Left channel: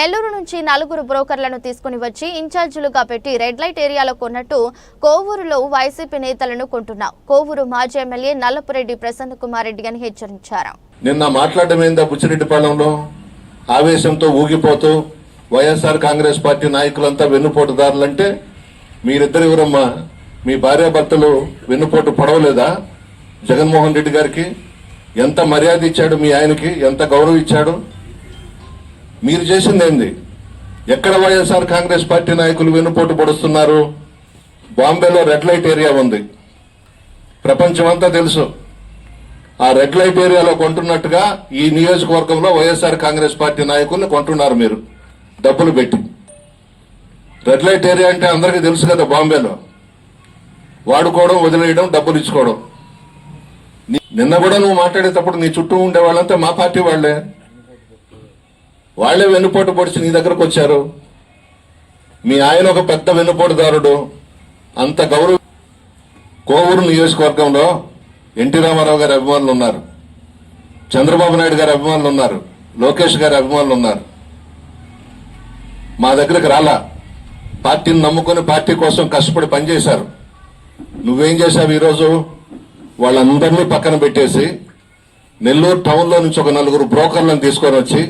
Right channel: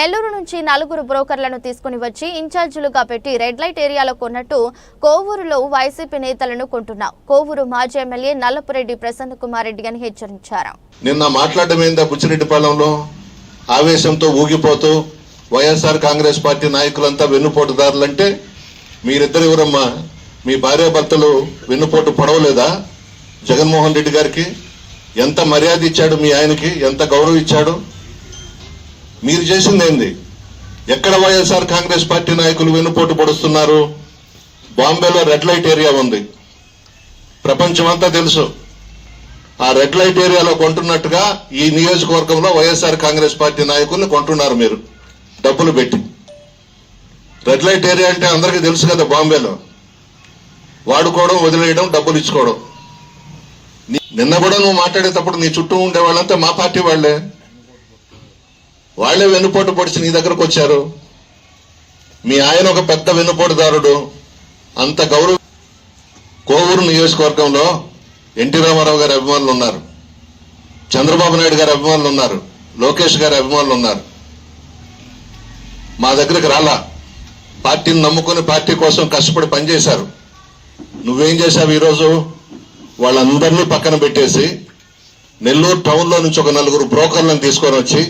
నెల్లూరు నుంచి నలుగురు బ్రోకర్లను తీసుకుని వచ్చి ఇన్ఛార్జీలుగా పెట్టి రెడ్ లైట్ ఏరియాలో కొన్నట్టు కోవూరులో వైసీపీ నేతలను కొంటున్నా కోవూరు మాజీ ఎమ్మెల్యే నల్లపురెడ్డి ప్రసన్న కుమార్ రెడ్డి అని హెచ్చరించారు నిన్న మాట్లాడడం ఏందా ఆవేశంతో ఊగిపోతూ వైఎస్ఆర్ కాంగ్రెస్ పార్టీ నాయకులంతా వెన్నుపోటుదారులంటే మీరిద్దరు ఎవరమ్మా మీ భార్యాభర్తలు వెన్నుపోటు పడవలేదా జగన్మోహన్ రెడ్డి గారికి ఎంత మర్యాద ఇచ్చాడు మీ ఆయనకి ఎంత గౌరవం ఇచ్చాడు మీరు చేసింది ఏంది ఎక్కడ వైఎస్ఆర్ కాంగ్రెస్ పార్టీ నాయకులు వెనుపోటు పొడుస్తున్నారు బాంబేలో రెడ్ లైట్ ఏరియా ఉంది ప్రపంచమంతా తెలుసు ఆ రెడ్ లైట్ ఏరియాలో కొంటున్నట్టుగా ఈ నియోజకవర్గంలో వైఎస్ఆర్ కాంగ్రెస్ పార్టీ నాయకులను కొంటున్నారు మీరు డబ్బులు పెట్టి రెడ్ లైట్ ఏరియా అంటే అందరికీ తెలుసు కదా బాంబేలో వాడుకోవడం వదిలేయడం డబ్బులు ఇచ్చుకోవడం నిన్న కూడా నువ్వు మాట్లాడేటప్పుడు నీ చుట్టూ ఉండే వాళ్ళంతా మా పార్టీ వాళ్ళే వాళ్ళే వెన్నుపోటు పొడిచి నీ దగ్గరకు వచ్చారు మీ ఆయన ఒక పెద్ద వెన్నుపోటుదారుడు అంత గౌరవ కోవూరు నియోజకవర్గంలో ఎన్టీ రామారావు గారి అభిమానులు ఉన్నారు చంద్రబాబు నాయుడు గారి అభిమానులు ఉన్నారు లోకేష్ గారి అభిమానులు ఉన్నారు మా దగ్గరకు రాలా పార్టీని నమ్ముకొని పార్టీ కోసం కష్టపడి పనిచేశారు నువ్వేం చేశావు ఈరోజు వాళ్ళందరినీ పక్కన పెట్టేసి నెల్లూరు టౌన్లో నుంచి ఒక నలుగురు బ్రోకర్లను తీసుకొని వచ్చి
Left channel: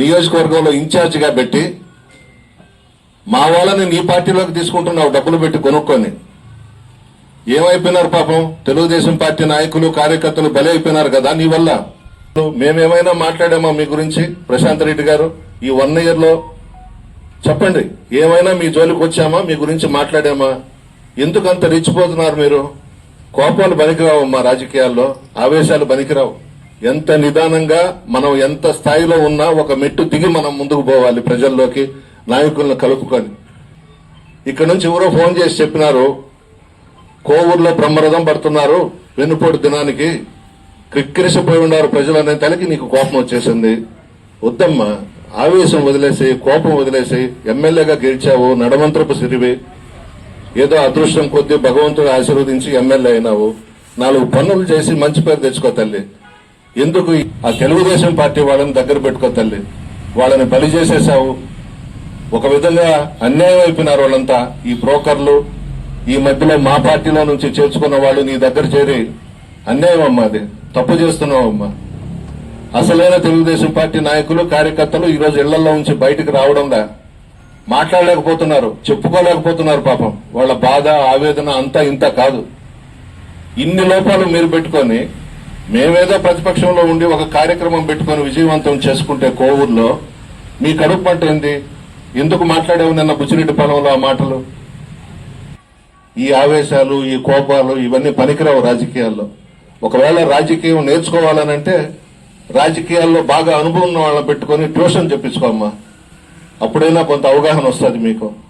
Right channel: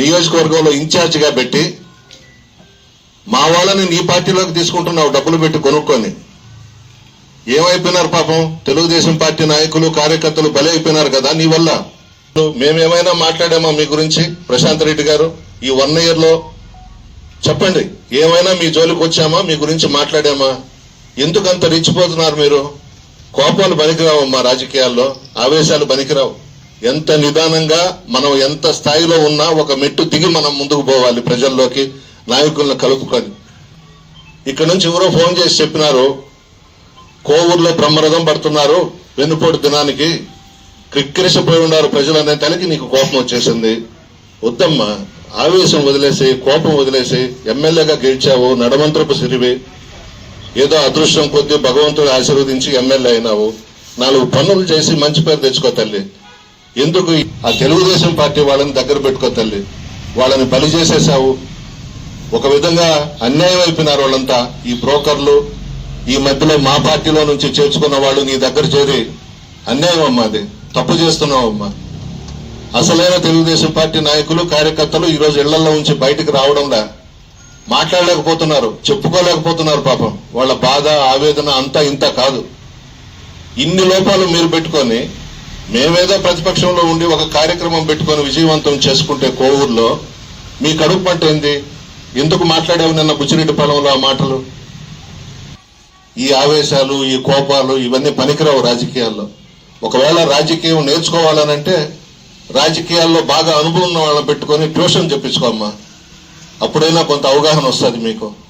నియోజకవర్గంలో ఇన్ఛార్జిగా పెట్టి మా వాళ్ళని నీ పార్టీలోకి తీసుకుంటున్నావు డబ్బులు పెట్టి కొనుక్కొని ఏమైపోయినారు పాపం తెలుగుదేశం పార్టీ నాయకులు కార్యకర్తలు బలైపోయినారు కదా నీ వల్ల మేమేమైనా మాట్లాడామా మీ గురించి ప్రశాంత్ రెడ్డి గారు ఈ వన్ ఇయర్ లో చెప్పండి ఏమైనా మీ జోలికి వచ్చామా మీ గురించి మాట్లాడామా ఎందుకంత రెచ్చిపోతున్నారు మీరు కోపాలు పనికిరావు మా రాజకీయాల్లో ఆవేశాలు పనికిరావు ఎంత నిదానంగా మనం ఎంత స్థాయిలో ఉన్నా ఒక మెట్టు దిగి మనం ముందుకు పోవాలి ప్రజల్లోకి నాయకులను కలుపుకొని ఇక్కడ నుంచి ఎవరో ఫోన్ చేసి చెప్పినారు కోవూరులో బ్రహ్మరథం పడుతున్నారు వెన్నుపోటు దినానికి క్రిక్కిరిసిపోయి ఉన్నారు ప్రజలు అనే తలకి నీకు కోపం వచ్చేసింది వద్దమ్మ ఆవేశం వదిలేసి కోపం వదిలేసి ఎమ్మెల్యేగా గెలిచావు నడమంత్రపు సిరివి ఏదో అదృష్టం కొద్దీ భగవంతుడు ఆశీర్వదించి ఎమ్మెల్యే అయినావు నాలుగు పనులు చేసి మంచి పేరు తెచ్చుకో తల్లి ఎందుకు ఆ తెలుగుదేశం పార్టీ వాళ్ళని దగ్గర పెట్టుకో తల్లి వాళ్ళని బలి చేసేసావు ఒక విధంగా అన్యాయం అయిపోయినారు వాళ్ళంతా ఈ బ్రోకర్లు ఈ మధ్యలో మా పార్టీలో నుంచి చేర్చుకున్న వాళ్ళు నీ దగ్గర చేరి అన్యాయం అమ్మా అది తప్పు చేస్తున్నావు అమ్మా అసలైన తెలుగుదేశం పార్టీ నాయకులు కార్యకర్తలు ఈరోజు ఇళ్లలో ఉంచి బయటకు రావడంలా మాట్లాడలేకపోతున్నారు చెప్పుకోలేకపోతున్నారు పాపం వాళ్ళ బాధ ఆవేదన అంతా ఇంత కాదు ఇన్ని లోపాలు మీరు పెట్టుకొని మేమేదో ప్రతిపక్షంలో ఉండి ఒక కార్యక్రమం పెట్టుకొని విజయవంతం చేసుకుంటే కోవూరులో మీ కడుపు పంట ఏంది ఎందుకు మాట్లాడేవి నిన్న బుచ్చిరెడ్డి పొలంలో ఆ మాటలు ఈ ఆవేశాలు ఈ కోపాలు ఇవన్నీ పనికిరావు రాజకీయాల్లో ఒకవేళ రాజకీయం నేర్చుకోవాలనంటే రాజకీయాల్లో బాగా అనుభవం వాళ్ళని పెట్టుకొని ట్యూషన్ చెప్పించుకోమ్మా అప్పుడైనా కొంత అవగాహన వస్తుంది మీకు